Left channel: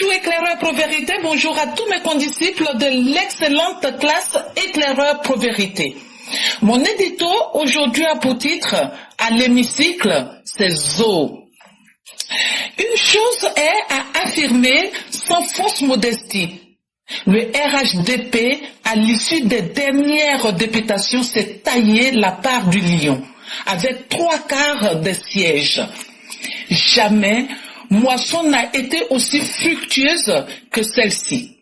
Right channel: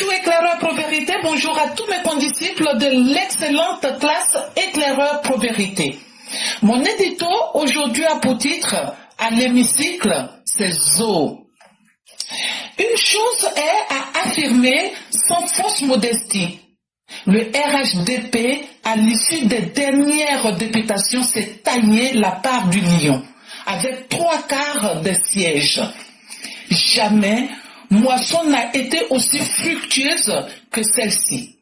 Bonjour éclaireur Pro-Vérité, bonjour à tous mes condisciples de l'excellente classe éclaireur Pro-Vérité. Mon édito aujourd'hui a pour titre « À l'hémicycle, c'est Zo ». Une chose est à affirmer sans fausse modestie. Le RHDP, à l'issue des dernières députations, s'est taillé la part du lion, avec 3/4 des sièges. Jamais moisson n'a été aussi fructueuse que celle-ci.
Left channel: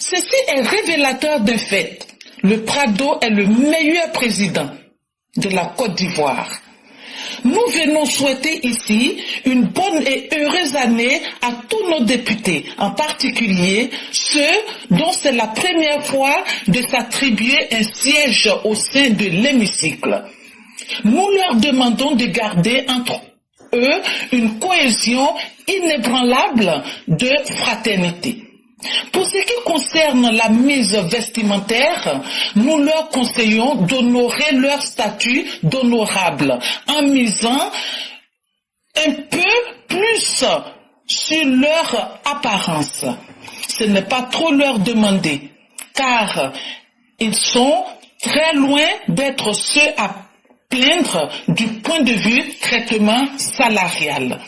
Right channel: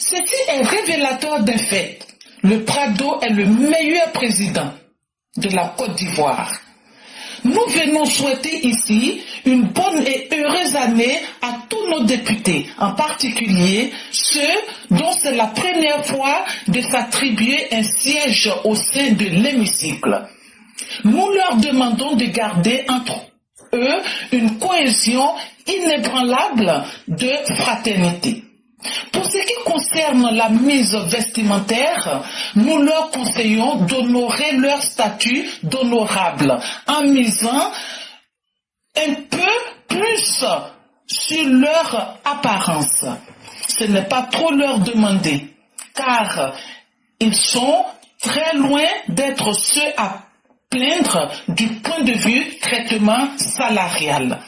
Ceci est révélateur d'un fait. Le Prado est le meilleur président de la Côte d'Ivoire. Nous venons souhaiter ici une bonne et heureuse année à tous nos députés, en particulier ceux dont c'est la première fois de s'attribuer un siège au sein de l'hémicycle. Nous leur demandons de garder entre eux une cohésion inébranlable de fraternité. Pour ce qui concerne la mise vestimentaire, nous leur conseillons d'honorer leur statut d'honorable en misant un peu plus sur leur apparence. Ce n'est pas trop leur demander, car ils sont très loin d'être ceux à plaindre du point de vue traitement salarial.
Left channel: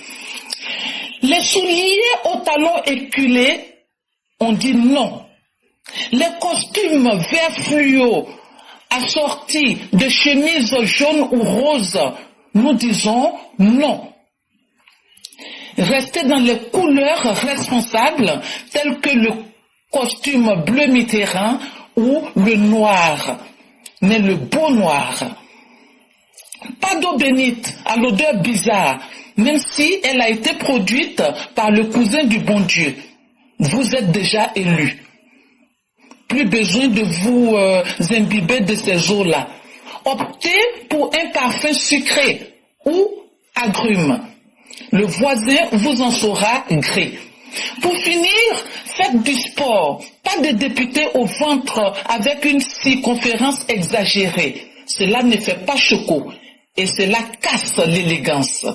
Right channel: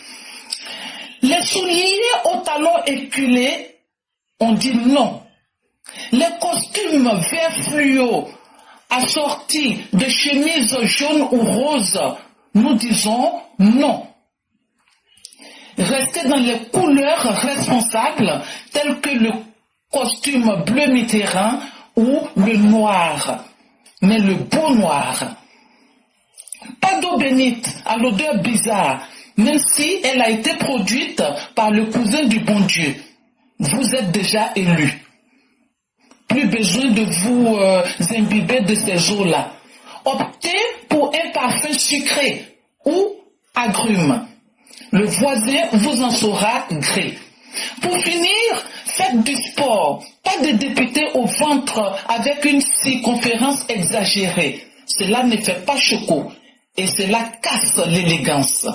Les souliers aux talons éculés, on dit non. Les costumes vert fluo assortis de chemises jaunes ou roses, nous disons non. Restez dans les couleurs responsables telles que le costume bleu Mitterrand ou le noir, mais le beau noir. Pas d'eau bénite à l'odeur bizarre, même si elle a été produite par le cousin du bon Dieu. Vous êtes déjà élu. Plus besoin de vous imbiber de ces eaux-là. Optez pour un parfum sucré ou agrume. Le voisin vous en saura gré. Pour finir, faites du sport. Pas de député au ventre avec une circonférence exagérée. Cela ne fait pas choco et cela casse l'élégance.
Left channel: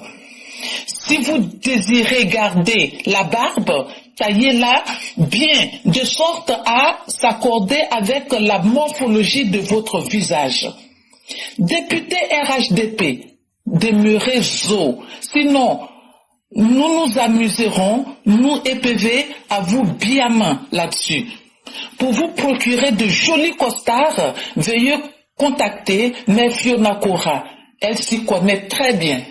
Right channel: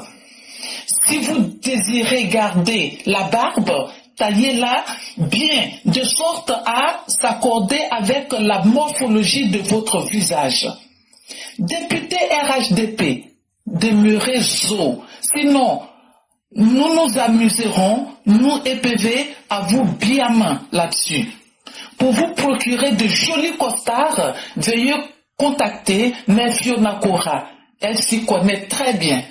Si vous désirez garder la barbe, taillez-la bien, de sorte à s'accorder avec la morphologie de votre visage. Député RHDP, demeurez Zo, sinon nous nous amuserons, nous EPV, à vous bien main là-dessus. Pour vous procurer de jolis costards, veuillez contacter Mère Fiona Cora. Elle s'y connaît très bien.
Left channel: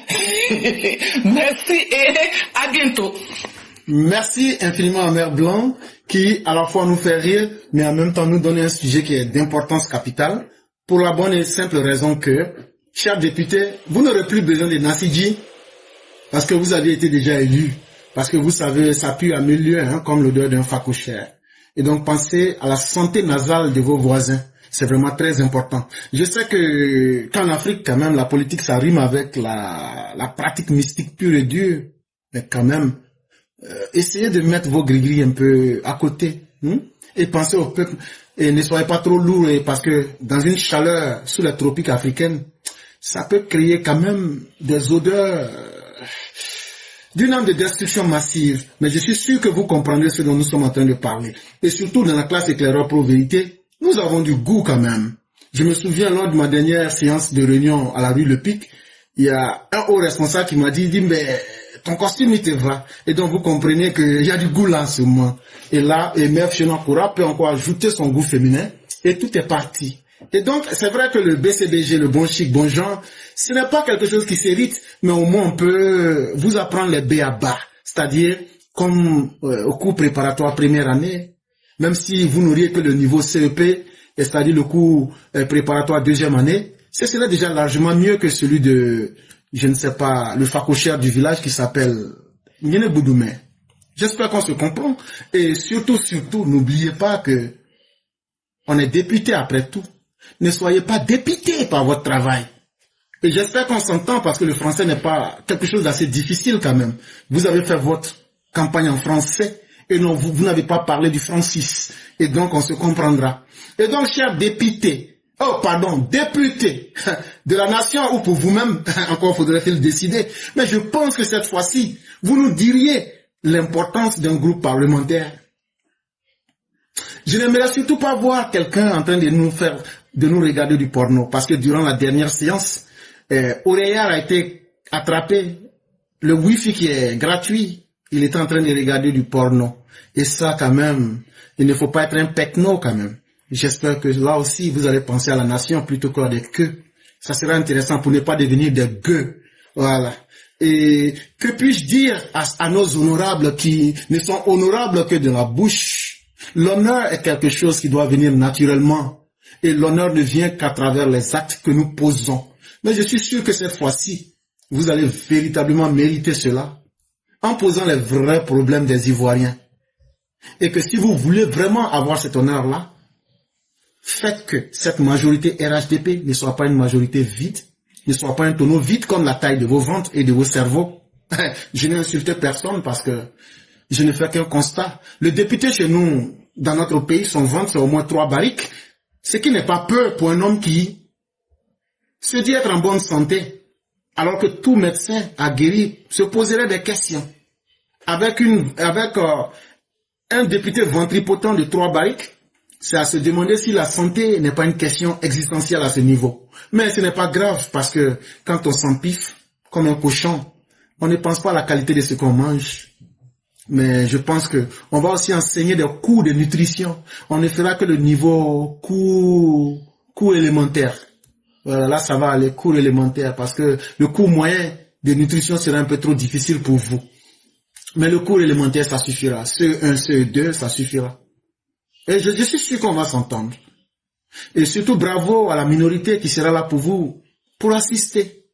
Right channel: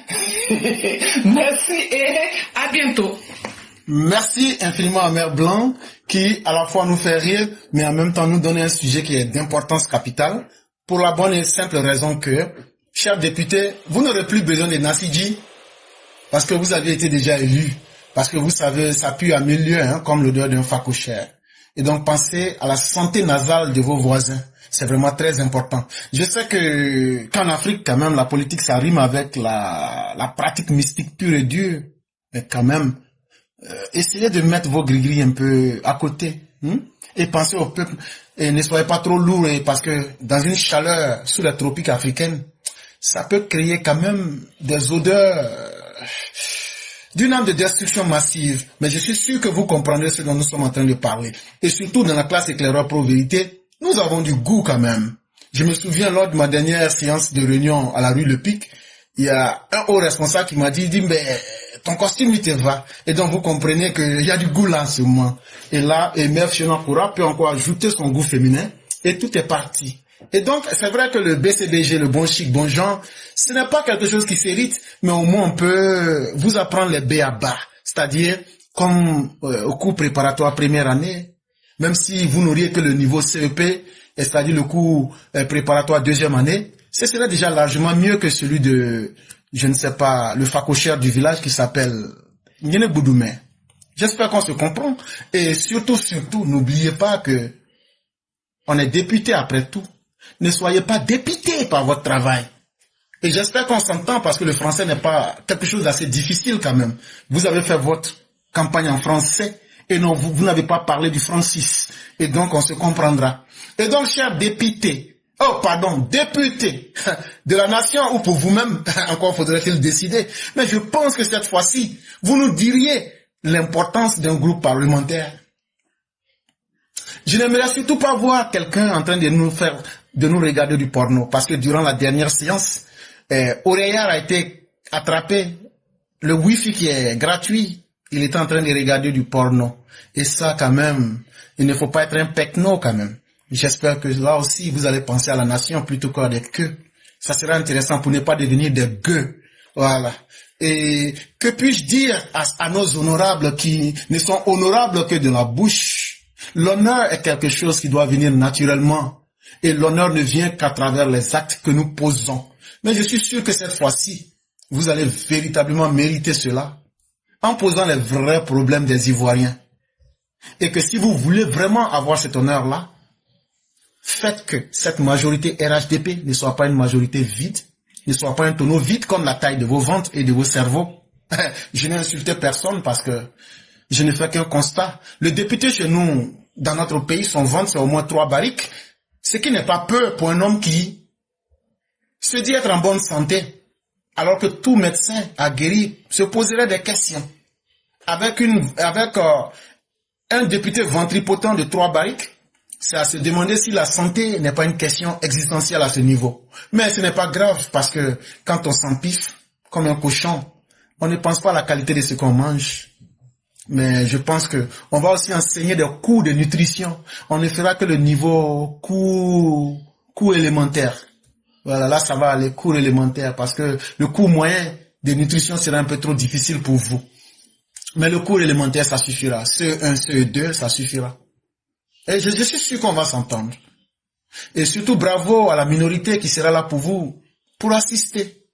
Merci et à bientôt. Merci infiniment à Mère Blanc qui à la fois nous fait rire mais en même temps nous donne un sujet qui est d'importance capitale pour la bonne et simple raison que, chers députés, vous n'aurez plus besoin de Nassidji parce que vous avez été déjà élu, parce que vous savez ça pue à milieu comme l'odeur d'un facochère. Et donc pensez à la santé nasale de vos voisins. C'est vraiment très important. Je sais que qu'en Afrique, quand même, la politique, ça rime avec la pratique mystique pure et dure. Mais quand même, essayez de mettre vos gris-gris un peu à côté. Et pensez au peuple. Et ne soyez pas trop lourds, parce que dans une chaleur sous les tropiques africaines, ça peut créer quand même des odeurs d'une âme de destruction massive. Mais je suis sûr que vous comprendrez ce dont nous sommes en train de parler. Et surtout dans la classe éclaireur Pro-Vérité, nous avons du goût quand même. Je me souviens lors de ma dernière séance de réunion à la rue Le Pic, il y a un haut responsable qui m'a dit mais ton costume il te va. Et donc vous comprenez qu'il y a du goût là en ce moment. Et là, Mère Fiona Cora peut encore ajouter son goût féminin et tout est parti. Et donc c'est vrai que le BCBG, le bon chic, bon genre, ce n'est pas quelque chose qui s'hérite, mais au moins on peut vous apprendre les b.a.-ba. C'est-à-dire comme au cours préparatoire première année, même si vous n'auriez que le niveau CEP, c'est-à-dire le cours préparatoire deuxième année, ce serait déjà largement mieux que celui de, je ne sais pas, le facochère du village qui s'appelle Ndene Boudoumé. J'espère qu'on se comprend. Et surtout, n'oubliez pas que on est député après tout. Ne soyez pas dépité par votre travail. Et j'espère qu'on s'entend parce que le français n'est pas quelque chose d'assez difficile quand même. Vous avez fait votre campagne en français. Et non, vous n'avez pas parlé du Francis. Et donc, on se comprendra. Et donc, chers députés de la nation, ou pour vous-même, encore faudrait-il décider. Mais je pense que cette fois-ci, vous nous diriez l'importance d'un groupe parlementaire. Je n'aimerais surtout pas voir quelqu'un en train de nous regarder du porno, parce que durant la dernière séance, Aurélien a été attrapé, le wifi qui est gratuit, il est en train de regarder du porno. Et ça, quand même, il ne faut pas être un pecno, quand même. J'espère que là aussi, vous allez penser à la nation plutôt qu'à des queues. Ça sera intéressant pour ne pas devenir des gueux. Voilà. Et que puis-je dire à nos honorables qui ne sont honorables que de la bouche? L'honneur est quelque chose qui doit venir naturellement. Et l'honneur ne vient qu'à travers les actes que nous posons. Mais je suis sûr que cette fois-ci, vous allez véritablement mériter cela en posant les vrais problèmes des Ivoiriens. Et que si vous voulez vraiment avoir cet honneur-là, faites que cette majorité RHDP ne soit pas une majorité vide, ne soit pas un tonneau vide comme la taille de vos ventres et de vos cerveaux. Je n'ai insulté personne parce que je ne fais qu'un constat. Le député chez nous, dans notre pays, son ventre, c'est au moins 3 barriques, ce qui n'est pas peu pour un homme qui se dit être en bonne santé, alors que tout médecin aguerri se poserait des questions. Avec un député ventripotent de 3 barriques, c'est à se demander si la santé n'est pas une question existentielle à ce niveau. Mais ce n'est pas grave parce que quand on s'empiffe comme un cochon, on ne pense pas à la qualité de ce qu'on mange. Mais je pense que on va aussi enseigner des cours de nutrition. On ne fera que le niveau cours élémentaire. Voilà, là ça va, les cours élémentaires, parce que le cours moyen de nutrition sera un peu trop difficile pour vous. Mais le cours élémentaire, ça suffira. CE1, CE2, ça suffira. Et je suis sûr qu'on va s'entendre. Et surtout, bravo à la minorité qui sera là pour vous, pour assister.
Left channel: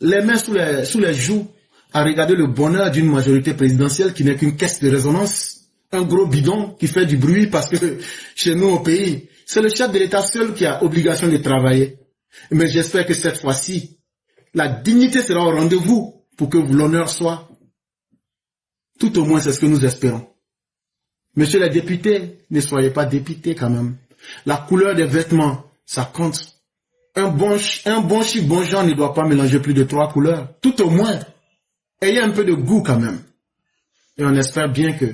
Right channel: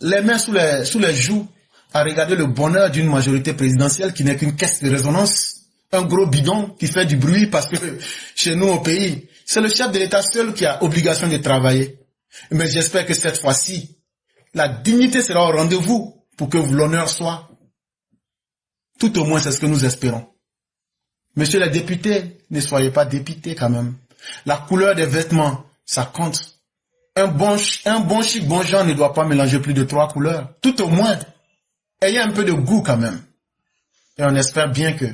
Les mains sous les joues, à regarder le bonheur d'une majorité présidentielle qui n'est qu'une caisse de résonance, un gros bidon qui fait du bruit parce que chez nous au pays, c'est le chef de l'État seul qui a obligation de travailler. Mais j'espère que cette fois-ci, la dignité sera au rendez-vous pour que l'honneur soit. Tout au moins, c'est ce que nous espérons. Monsieur les députés, ne soyez pas dépités quand même. La couleur des vêtements, ça compte. Un bon chic, bon genre ne doit pas mélanger plus de 3 couleurs. Tout au moins, ayez un peu de goût quand même. Et on espère bien que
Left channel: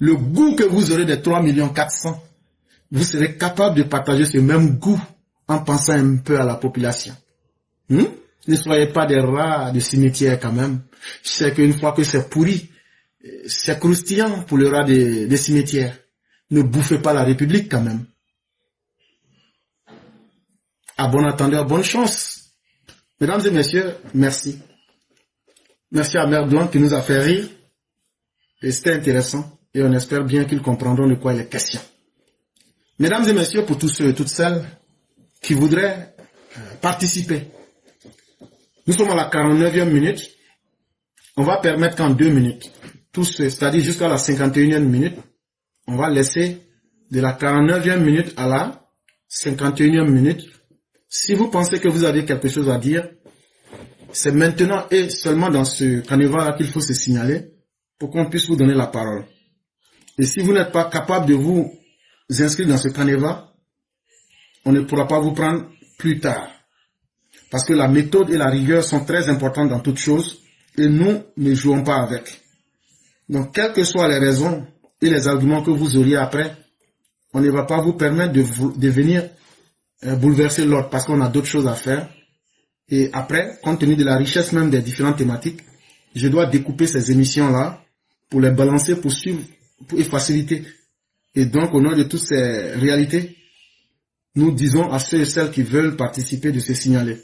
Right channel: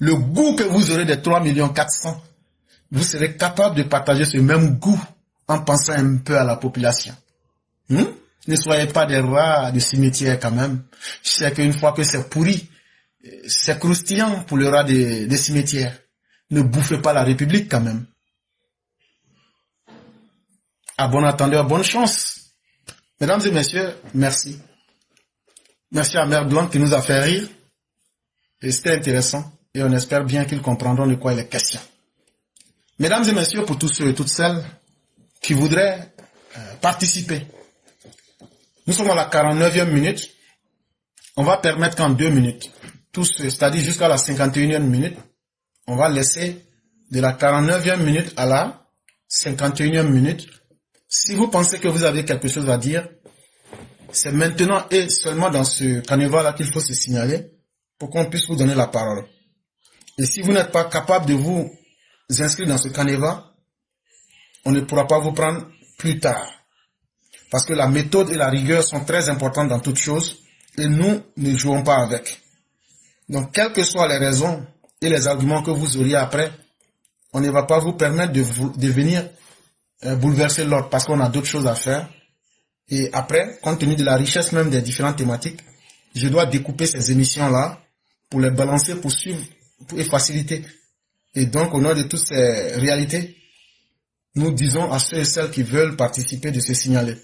le goût que vous aurez des 3,4 millions, vous serez capable de partager ce même goût en pensant un peu à la population. Ne soyez pas des rats de cimetière quand même. Je sais qu'une fois que c'est pourri, c'est croustillant pour le rat des cimetières. Ne bouffez pas la République quand même. À bon entendeur, bonne chance. Mesdames et messieurs, merci. Merci à Mère Blanc qui nous a fait rire. Et c'était intéressant. Et on espère bien qu'ils comprendront de quoi il est question. Mesdames et messieurs, pour tous ceux et toutes celles qui voudraient participer, nous sommes à la 49e minute. On va permettre qu'en 2 minutes, c'est-à-dire jusqu'à la 51e minute, on va laisser de la 49e minute à la 51e minute. Si vous pensez que vous avez quelque chose à dire, c'est maintenant et seulement dans ce canevas-là qu'il faut se signaler pour qu'on puisse vous donner la parole. Et si vous n'êtes pas capable de vous inscrire dans ce canevas, on ne pourra pas vous prendre plus tard. Parce que la méthode et la rigueur sont très importantes dans toute chose et nous ne jouons pas avec. Donc, quelles que soient les raisons et les arguments que vous auriez après, on ne va pas vous permettre de venir bouleverser l'ordre parce qu'on a d'autres choses à faire. Et après, compte tenu de la richesse même des différentes thématiques, je dois découper ces émissions-là pour les balancer, pour suivre et faciliter. Et donc, au nom de toutes ces réalités, nous disons à ceux et celles qui veulent participer de se signaler.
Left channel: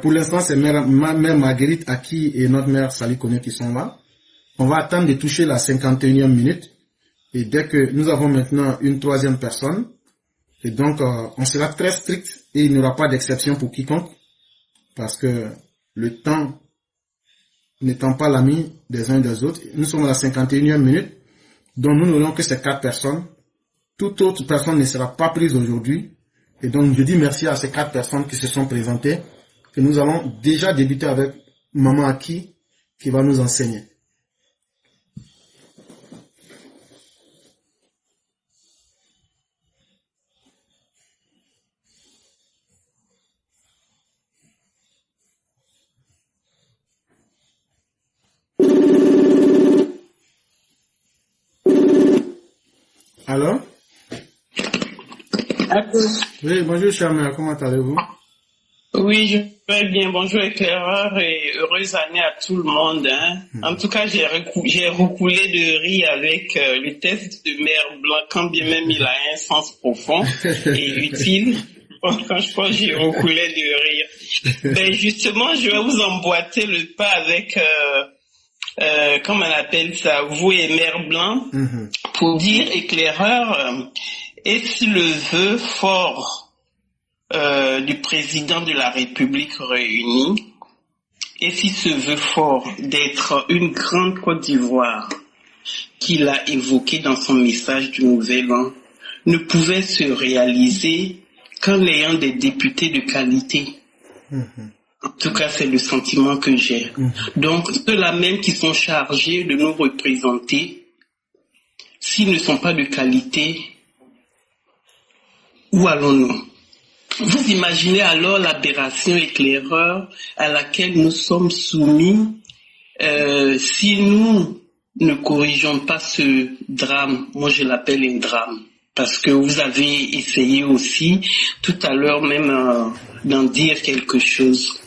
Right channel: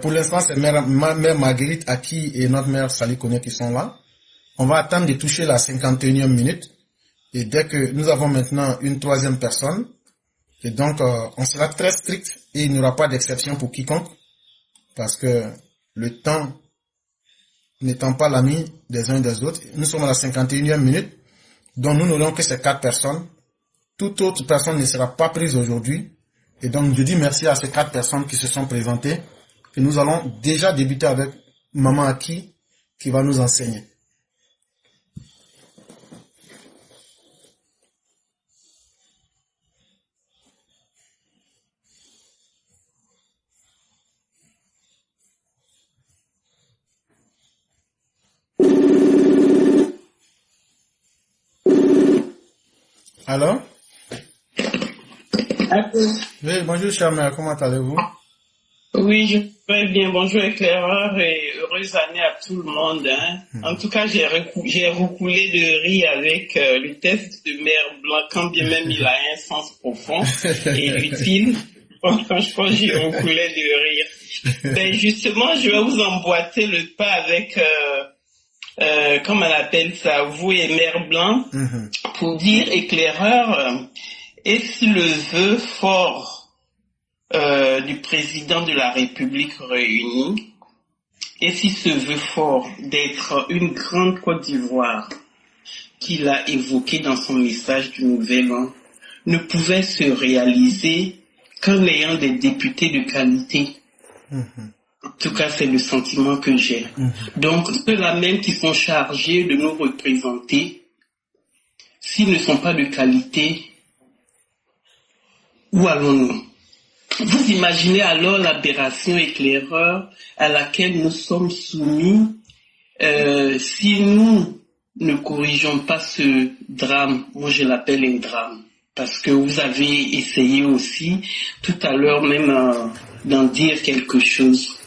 Pour l'instant, c'est ma mère Marguerite Aki et notre mère Sali Koné qui sont là. On va attendre de toucher la 51e minute. Et dès que nous avons maintenant une 3e personne, et donc on sera très strict et il n'y aura pas d'exception pour quiconque. Parce que le temps n'étant pas l'ami des uns et des autres, nous sommes à la 51e minute, dont nous n'aurons que ces 4 personnes. Toute autre personne ne sera pas prise aujourd'hui. Et donc je dis merci à ces 4 personnes qui se sont présentées. Et nous allons déjà débuter avec Maman Aki qui va nous enseigner. Alors? Allô? Oui, bonjour, cher mère, comment allez-vous? Oui, je vais bien. Bonjour éclaireur et heureuse année à tout le monde. Hein. En tout cas, j'ai recoulé de rire avec le test de Mère Blanc, quand bien même il a un sens profond et utile. Franchement, j'ai recoulé de rire. Ben justement, je vais vous emboîter le pas avec, comment on appelle ça, vous et Mère Blanc, pour dire éclaireur, est-ce le vœu fort du président de la République réunie, et si ce vœu fort d'être une grande Côte d'Ivoire qu'il a évoqué dans son message du Nouvel An ne pouvait se réaliser qu'en ayant des députés de qualité. En tout cas, c'est le sentiment que j'ai. Donc, ceux-là même qui sont chargés de nous représenter, s'ils ne sont pas de qualité, où allons-nous? Vous imaginez alors l'aberration éclaireur à laquelle nous sommes soumis si nous ne corrigeons pas ce drame. Moi, je l'appelle un drame parce que vous avez essayé aussi tout à l'heure même d'en dire quelque chose.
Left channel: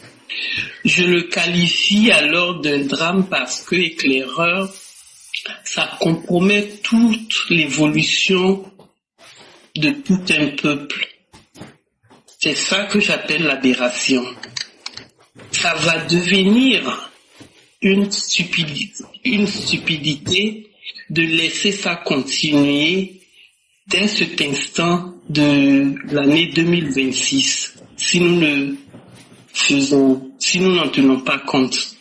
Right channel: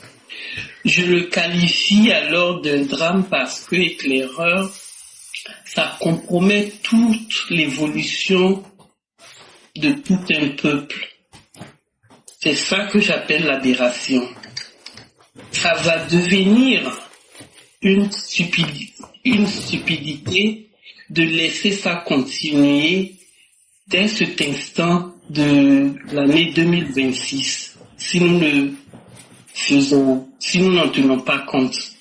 Je le qualifie alors d'un drame parce que éclaireur, ça compromet toute l'évolution de tout un peuple. C'est ça que j'appelle l'aberration. Ça va devenir une stupidité de laisser ça continuer dès cet instant de l'année 2026, si nous n'en tenons pas compte.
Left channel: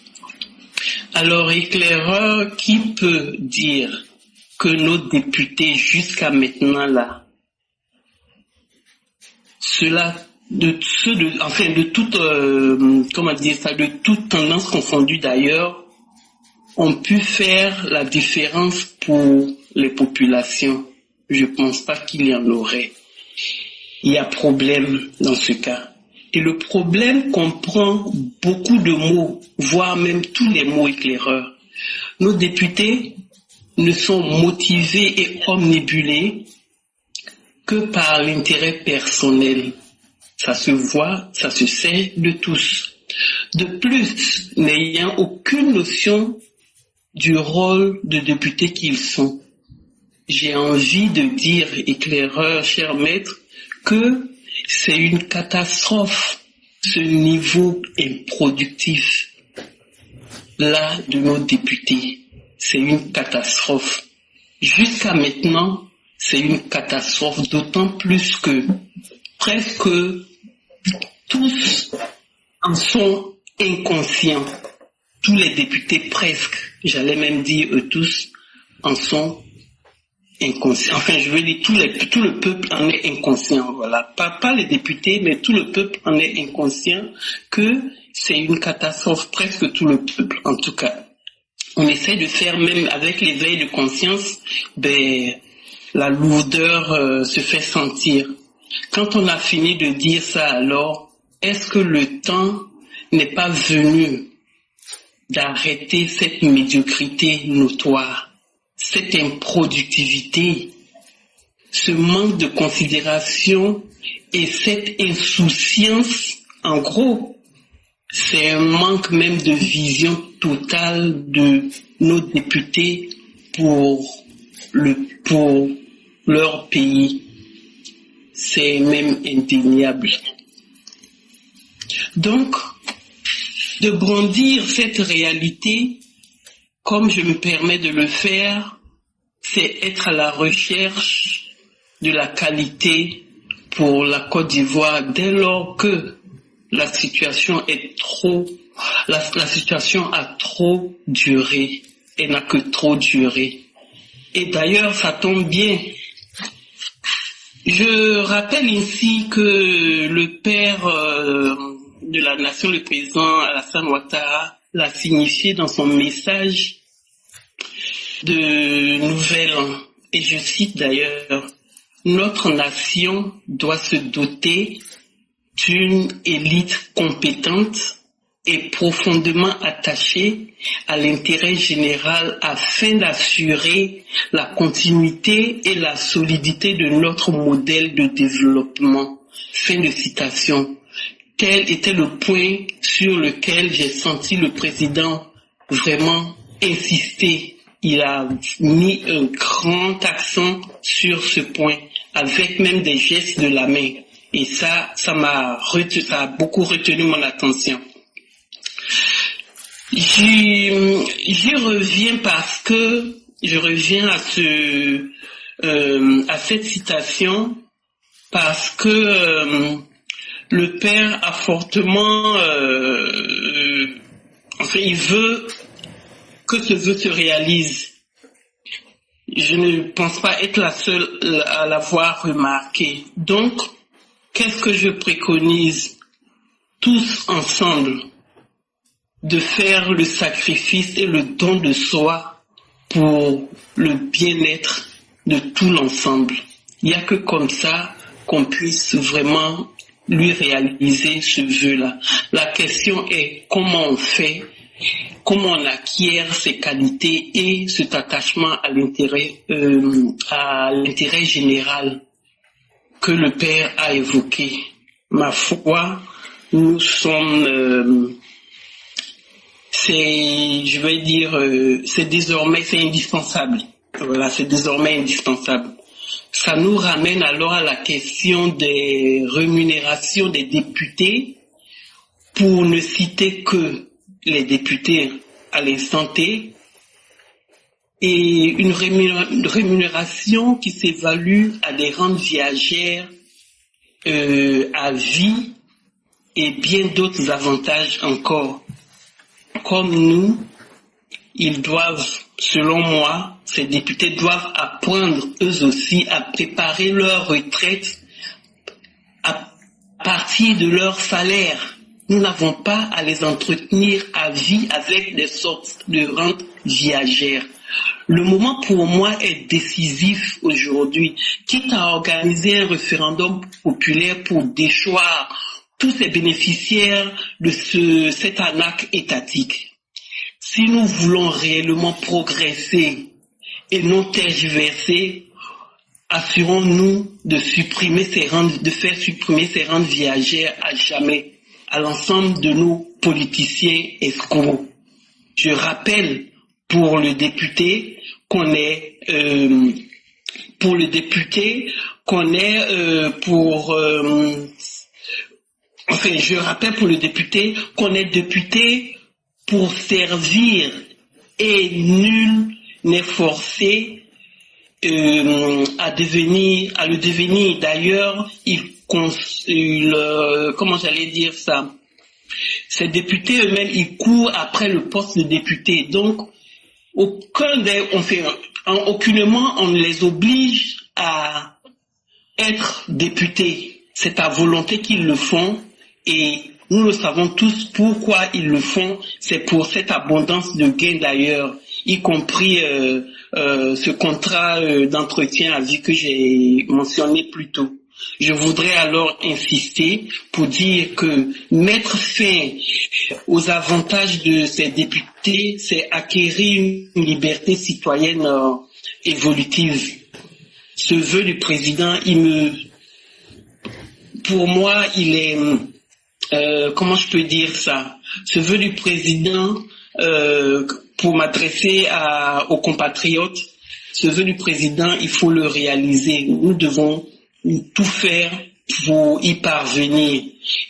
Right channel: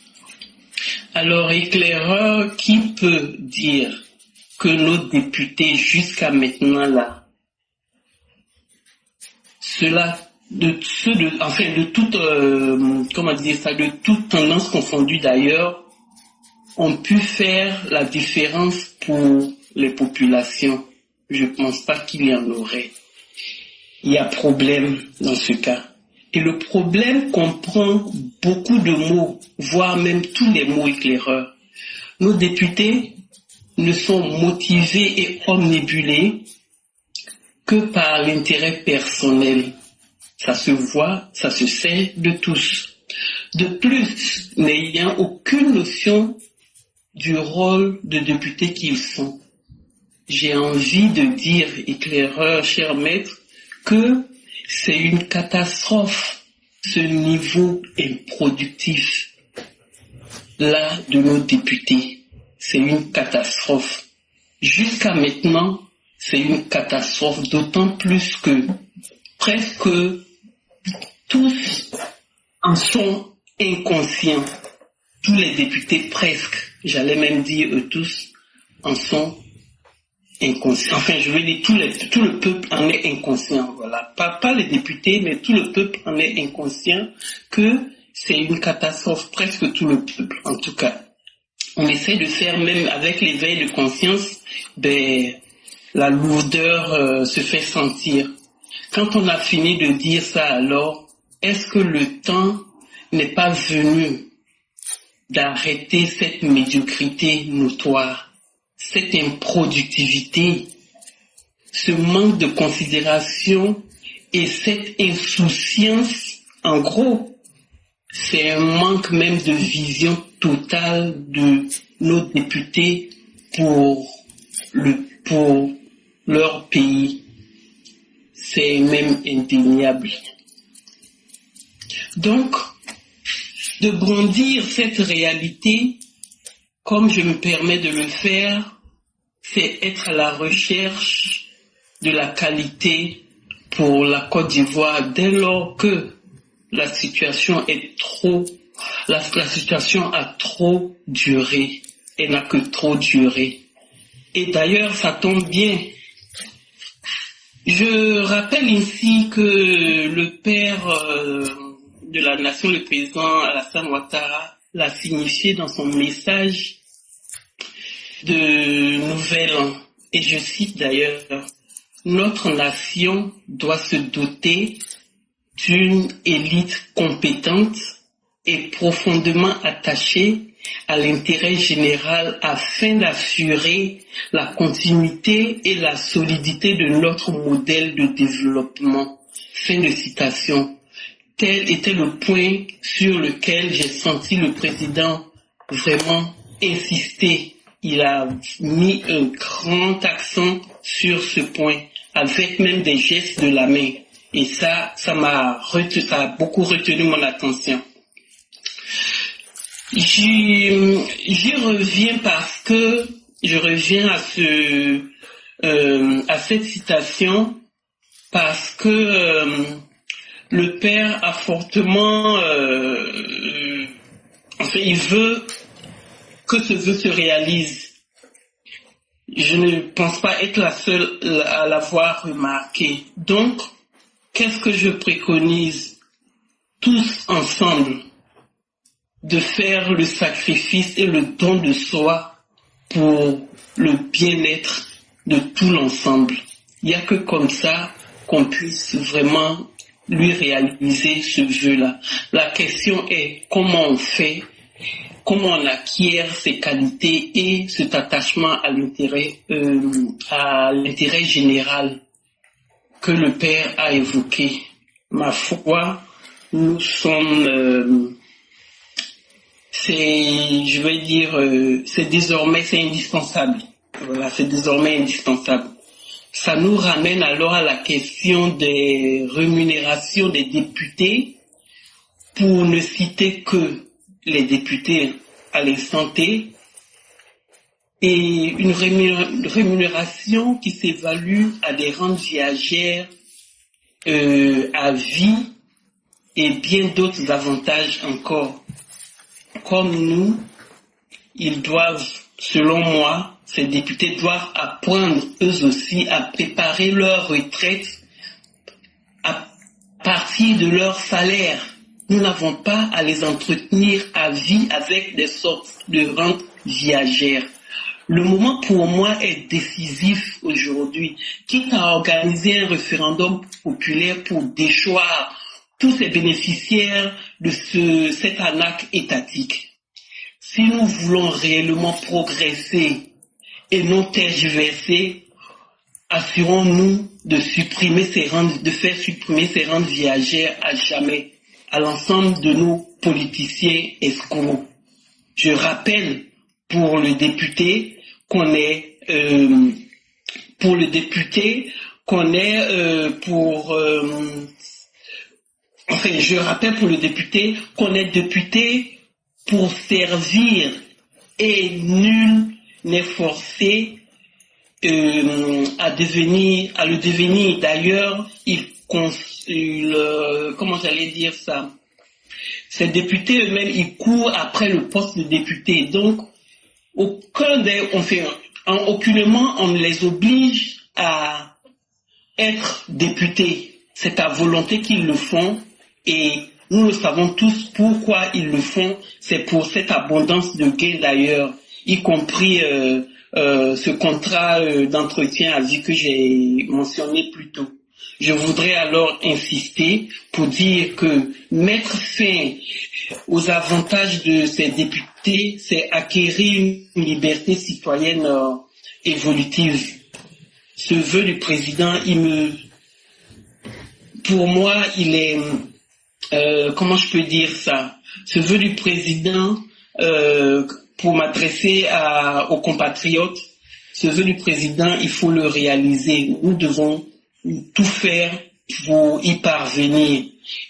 Alors, éclaireur, qui peut dire que nos députés jusqu'à maintenant là, de toute tendance confondue d'ailleurs, ont pu faire la différence pour les populations? Je pense pas qu'il y en aurait. Il y a problème dans ce cas. Et le problème comprend beaucoup de mots, voire même tous les mots éclaireurs. Nos députés ne sont motivés et omnibulés que par l'intérêt personnel. Ça se voit, ça se sait de tous. De plus, n'ayant aucune notion du rôle de député qu'ils sont, j'ai envie de dire, éclaireur, cher maître, que c'est une catastrophe, ce niveau improductif là de nos députés. C'est une catastrophe. Jusqu'à maintenant, c'est une catastrophe, d'autant plus que presque tous en sont inconscients. Tous les députés presque, j'allais même dire eux tous, en sont inconscients. Enfin, je veux dire, tout le peuple en est inconscient, voilà. Pas les députés, mais tout le peuple en est inconscient que c'est une catastrophe, presque tout le peuple, en tout cas. On essaie de faire, même avec l'éveil de conscience, la lourdeur se fait sentir. Quand on a fini de dire ça, alors, est-ce que le temps n'est pas venu d'arrêter cette médiocrité notoire, cette improductivité, ce manque de considération et cette insouciance? En gros, c'est un manque même de vision totale de nos députés pour leur pays. C'est même indéniable. Donc, de brandir cette réalité, comme je me permets de le faire, c'est être à la recherche de la qualité pour la Côte d'Ivoire dès lors que la situation la situation a trop duré. Elle n'a que trop duré. Et d'ailleurs, ça tombe bien. Je rappelle ici que le père de la nation, le président Alassane Ouattara, l'a signifié dans son message de Nouvel An. Et je cite d'ailleurs, « Notre nation doit se doter d'une élite compétente est profondément attaché à l'intérêt général afin d'assurer la continuité et la solidité de notre modèle de développement. Fin de citation. Tel était le point sur lequel j'ai senti le président vraiment insister. Il a mis un grand accent sur ce point, avec même des gestes de la main. Et ça a beaucoup retenu mon attention. J'y reviens parce que je reviens à cette citation parce que le père a fortement, il veut que ce vœu se réalise. Je ne pense pas être la seule à l'avoir remarqué. Donc, qu'est-ce que je préconise tous ensemble? De faire le sacrifice et le don de soi pour le bien-être de tout l'ensemble. Il n'y a que comme ça qu'on puisse vraiment lui réaliser ce vœu-là. La question est comment on fait, comment on acquiert ces qualités et cet attachement à l'intérêt général que le Père a évoqué. Ma foi, nous sommes... c'est désormais, c'est indispensable. Voilà, c'est désormais indispensable. Ça nous ramène alors à la question des rémunérations des députés, pour ne citer que les députés à l'instant T, et une rémunération qui s'évalue à des rentes viagères à vie et bien d'autres avantages encore. Comme nous, ils doivent, selon moi, ces députés doivent apprendre eux aussi à préparer leur retraite à partir de leur salaire. Nous n'avons pas à les entretenir à vie avec des sortes de rentes viagères. Le moment pour moi est décisif aujourd'hui, quitte à organiser un référendum populaire pour déchoir tous ces bénéficiaires de cette arnaque étatique. Si nous voulons réellement progresser et non tergiverser, assurons-nous de faire supprimer ces rentes viagères à jamais à l'ensemble de nos politiciens escrocs. Je rappelle pour le député qu'on est je rappelle pour le député qu'on est député pour servir et nul n'est forcé à le devenir. D'ailleurs, comment j'allais dire ça? Ces députés eux-mêmes, ils courent après le poste de député. Donc, aucunement on ne les oblige à être députés. C'est à volonté qu'ils le font. Et nous le savons tous pourquoi ils le font. C'est pour cette abondance de gains d'ailleurs, y compris ce contrat d'entretien à vie que j'ai mentionné plus tôt. Je voudrais alors insister pour dire que mettre fin aux avantages de ces députés, c'est acquérir une liberté citoyenne évolutive. Ce vœu du président, pour moi, il est... comment je peux dire ça? Ce vœu du président, pour m'adresser aux compatriotes, ce vœu du président, il faut le réaliser. Nous devons tout faire pour y parvenir.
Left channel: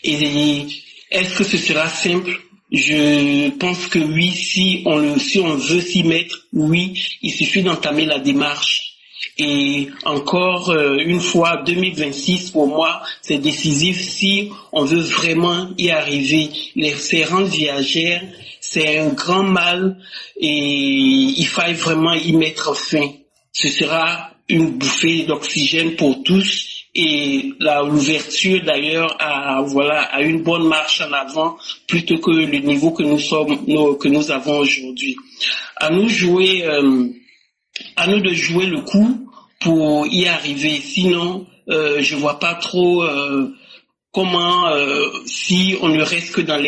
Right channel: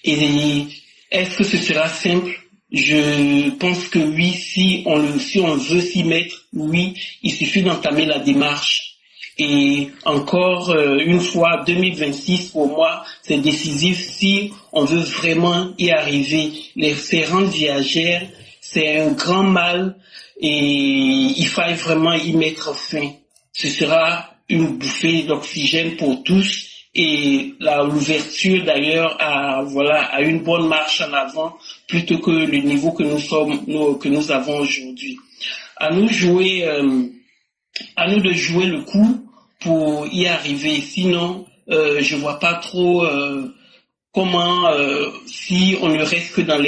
Et est-ce que ce sera simple? Je pense que oui, si on veut s'y mettre, oui, il suffit d'entamer la démarche. Et encore une fois, 2026 pour moi, c'est décisif si on veut vraiment y arriver. Ces rentes viagères, c'est un grand mal et il faille vraiment y mettre fin. Ce sera une bouffée d'oxygène pour tous et l'ouverture d'ailleurs à une bonne marche en avant plutôt que le niveau que nous avons aujourd'hui. À nous de jouer le coup pour y arriver. Sinon, je vois pas trop comment, si on ne reste que dans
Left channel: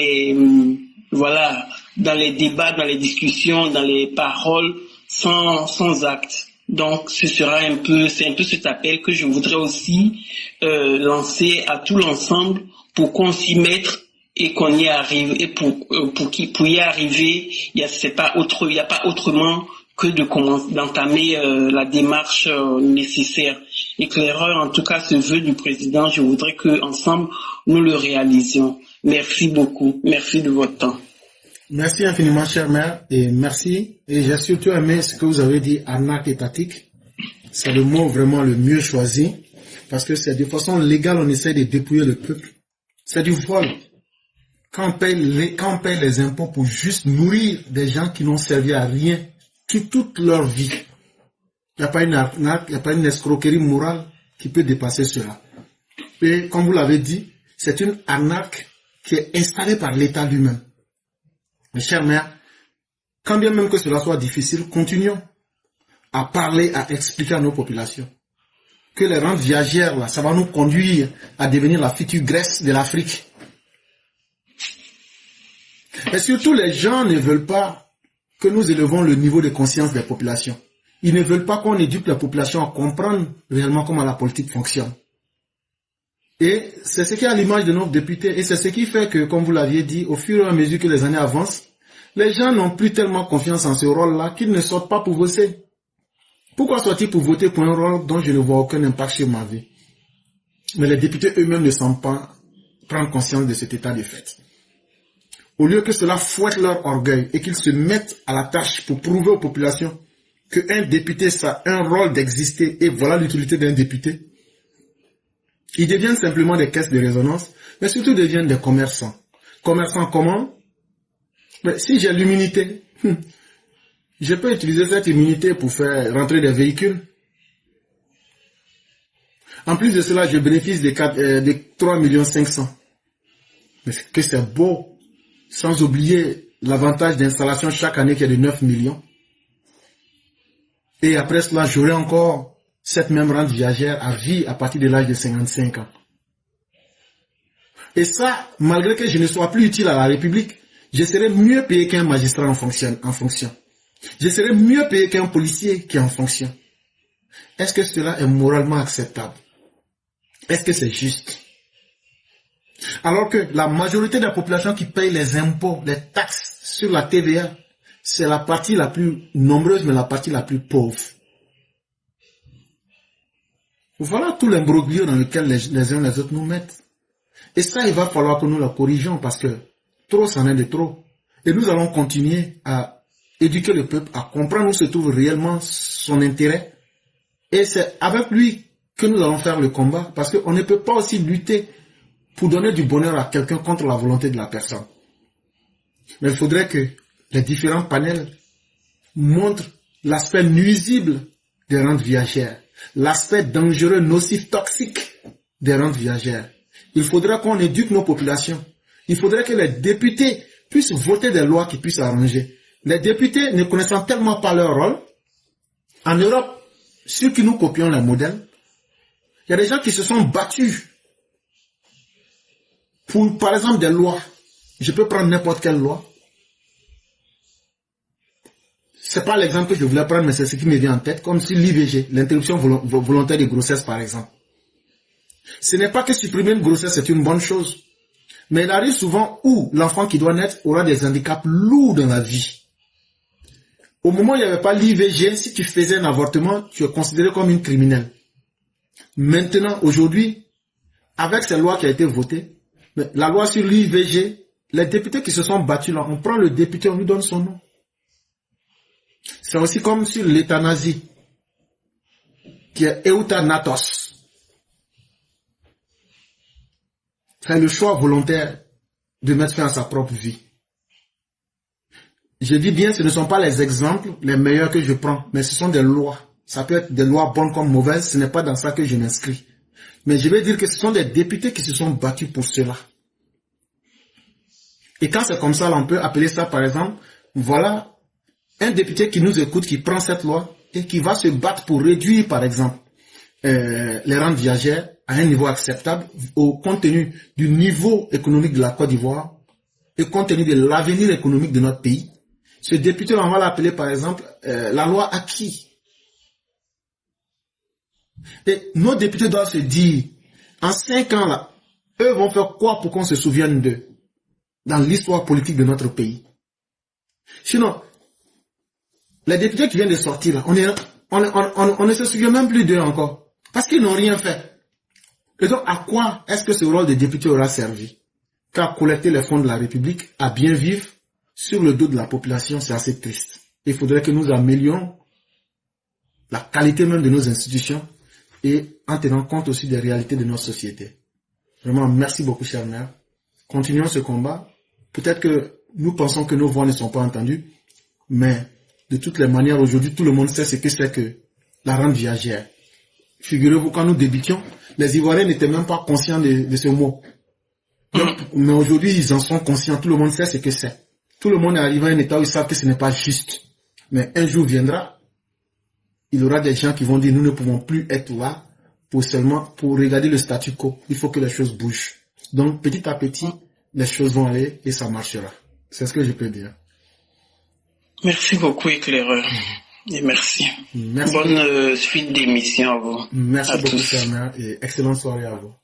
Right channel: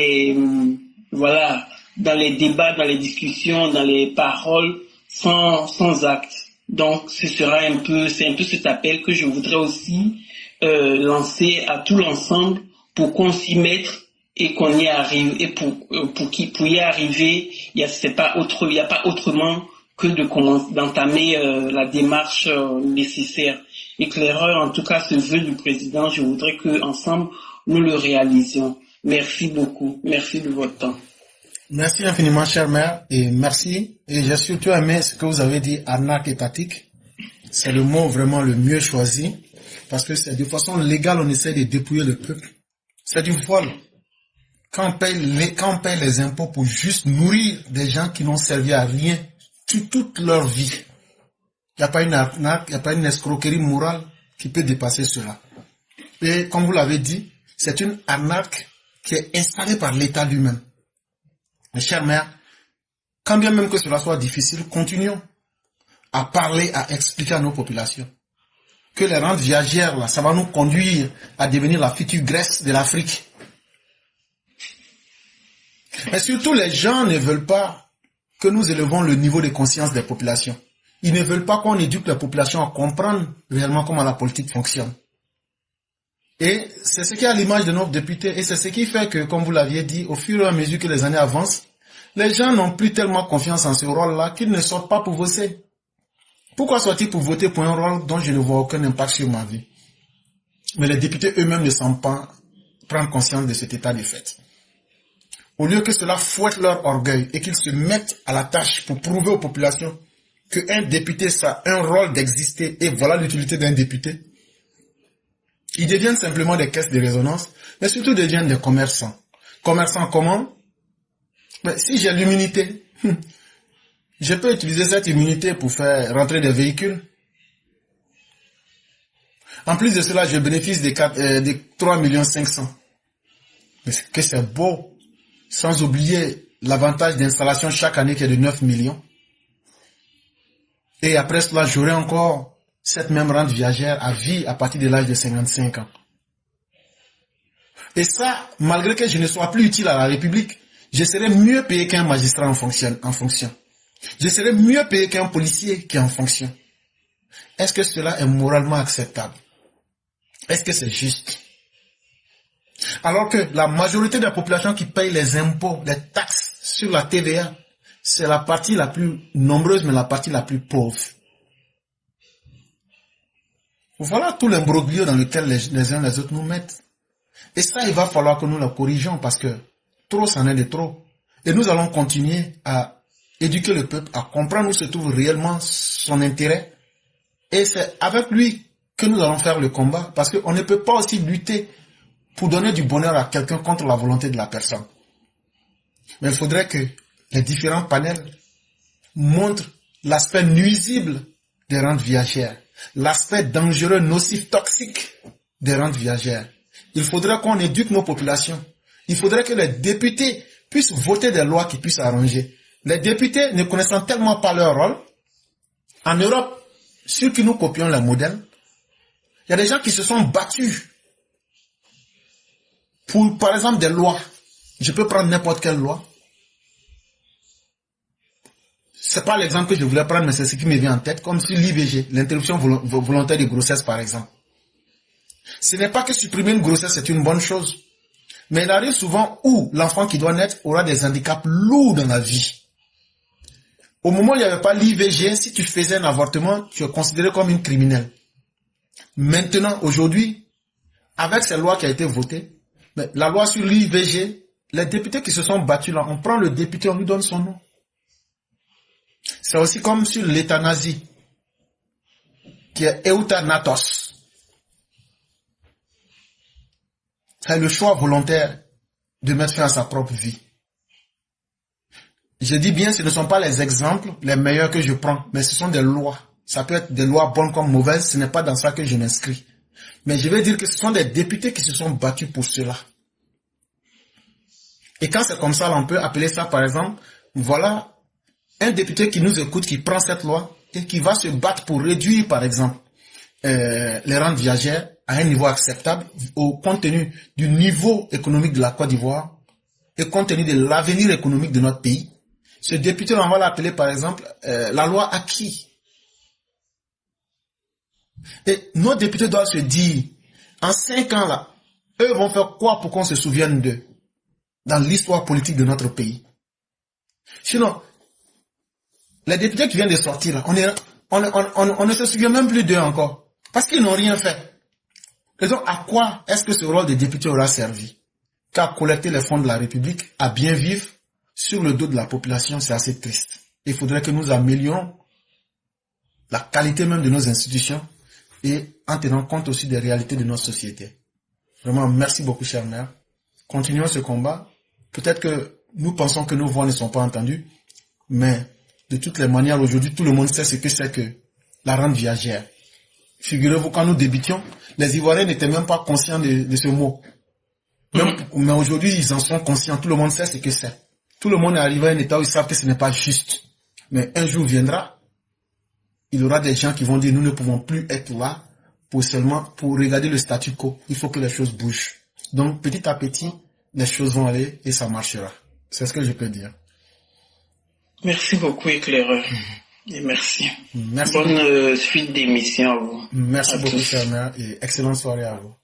voilà, dans les débats, dans les discussions, dans les paroles, sans actes. Donc, c'est un peu cet appel que je voudrais aussi lancer à tout l'ensemble pour qu'on s'y mette et qu'on y arrive. Et pour y arriver, il n'y a pas autrement que d'entamer la démarche nécessaire. Éclaireur, en tout cas, ce vœu du président, je voudrais que ensemble nous le réalisions. Merci beaucoup. Merci de votre temps. Merci infiniment, cher maire, et merci. Et j'ai surtout aimé ce que vous avez dit, arnaque étatique. C'est le mot vraiment le mieux choisi, parce que c'est de façon légale, on essaie de dépouiller le peuple. C'est du vol. Quand on paye les impôts pour juste nourrir des gens qui n'ont servi à rien toute leur vie, il n'y a pas une arnaque, il n'y a pas une escroquerie morale qui peut dépasser cela. Et comme vous l'avez dit, c'est une arnaque qui est installée par l'État lui-même. Mes chers maires, quand bien même que cela soit difficile, continuons à parler, à expliquer à nos populations que les rentes viagères, là, ça va nous conduire à devenir la future Grèce de l'Afrique. Et surtout, les gens ne veulent pas que nous élevons le niveau de conscience des populations. Ils ne veulent pas qu'on éduque la population à comprendre réellement comment la politique fonctionne. Et c'est ce qui est à l'image de nos députés, et c'est ce qui fait que, comme vous l'aviez dit, au fur et à mesure que les années avancent, les gens n'ont plus tellement confiance en ce rôle-là qu'ils ne sortent pas pour voter. Pourquoi sortir pour voter pour un rôle dont je ne vois aucun impact sur ma vie? Mais les députés eux-mêmes ne semblent pas prendre conscience de cet état de fait. Au lieu que cela fouette leur orgueil et qu'ils se mettent à la tâche pour prouver aux populations qu'un député, ça a un rôle d'exister et voilà l'utilité d'un député, ils deviennent simplement des caisses de résonance, mais surtout deviennent des commerçants. Commerçants comment? Mais si j'ai l'immunité, je peux utiliser cette immunité pour faire rentrer des véhicules. En plus de cela, je bénéficie des 3,5 millions. Mais que c'est beau! Sans oublier l'avantage d'installation chaque année qui est de 9 millions. Et après cela, j'aurai encore cette même rente viagère à vie à partir de l'âge de 55 ans. Et ça, malgré que je ne sois plus utile à la République, je serai mieux payé qu'un magistrat en fonction. Je serai mieux payé qu'un policier qui est en fonction. Est-ce que cela est moralement acceptable? Est-ce que c'est juste? Alors que la majorité de la population qui paye les impôts, les taxes sur la TVA, c'est la partie la plus nombreuse, mais la partie la plus pauvre. Voilà tout l'imbroglio dans lequel les uns et les autres nous mettent. Et ça, il va falloir que nous le corrigeons parce que trop, c'en est de trop. Et nous allons continuer à éduquer le peuple, à comprendre où se trouve réellement son intérêt. Et c'est avec lui que nous allons faire le combat parce qu'on ne peut pas aussi lutter pour donner du bonheur à quelqu'un contre la volonté de la personne. Mais il faudrait que les différents panels montrent l'aspect nuisible des rentes viagères, l'aspect dangereux, nocif, toxique des rentes viagères. Il faudrait qu'on éduque nos populations. Il faudrait que les députés puissent voter des lois qui puissent arranger. Les députés, ne connaissant tellement pas leur rôle, en Europe, ceux qui nous copions les modèles, il y a des gens qui se sont battus pour, par exemple, des lois. Je peux prendre n'importe quelle loi. C'est pas l'exemple que je voulais prendre, mais c'est ce qui me vient en tête, comme sur l'IVG, l'interruption volontaire de grossesse, par exemple. Ce n'est pas que supprimer une grossesse est une bonne chose, mais il arrive souvent où l'enfant qui doit naître aura des handicaps lourds dans la vie. Au moment où il n'y avait pas l'IVG, si tu faisais un avortement, tu es considéré comme une criminelle. Maintenant, aujourd'hui, avec cette loi qui a été votée, mais la loi sur l'IVG, les députés qui se sont battus là, on prend le député, on lui donne son nom. C'est aussi comme sur l'euthanasie, qui est euthanatos. C'est le choix volontaire de mettre fin à sa propre vie. Je dis bien, ce ne sont pas les exemples les meilleurs que je prends, mais ce sont des lois. Ça peut être des lois bonnes comme mauvaises, ce n'est pas dans ça que je m'inscris. Mais je vais dire que ce sont des députés qui se sont battus pour cela. Et quand c'est comme ça, on peut appeler ça, par exemple, voilà un député qui nous écoute, qui prend cette loi et qui va se battre pour réduire, par exemple, les rentes viagères à un niveau acceptable au compte tenu du niveau économique de la Côte d'Ivoire et compte tenu de l'avenir économique de notre pays, ce député, on va l'appeler par exemple la loi Acquis. Et nos députés doivent se dire, en 5 ans là, eux vont faire quoi pour qu'on se souvienne d'eux dans l'histoire politique de notre pays. Sinon, les députés qui viennent de sortir là, on ne se souvient même plus d'eux encore, parce qu'ils n'ont rien fait. Et donc, à quoi est-ce que ce rôle de député aura servi? Qu'à collecter les fonds de la République, à bien vivre sur le dos de la population, c'est assez triste. Il faudrait que nous améliorions la qualité même de nos institutions et en tenant compte aussi des réalités de notre société. Vraiment, merci beaucoup, cher maire. Continuons ce combat. Peut-être que nous pensons que nos voix ne sont pas entendues, mais de toutes les manières, aujourd'hui, tout le monde sait ce que c'est que la rente viagère. Figurez-vous, quand nous débutions, les Ivoiriens n'étaient même pas conscients de ce mot. Mais aujourd'hui, ils en sont conscients. Tout le monde sait ce que c'est. Tout le monde est arrivé à un état où ils savent que ce n'est pas juste. Mais un jour viendra, il y aura des gens qui vont dire, nous ne pouvons plus être là pour regarder le statu quo. Il faut que les choses bougent. Donc, petit à petit, les choses vont aller et ça marchera. C'est ce que je peux dire. Merci beaucoup, éclaireur. Et merci. Merci. Bonne suite d'émission à vous. Merci beaucoup, Seigneur, et excellente soirée à vous.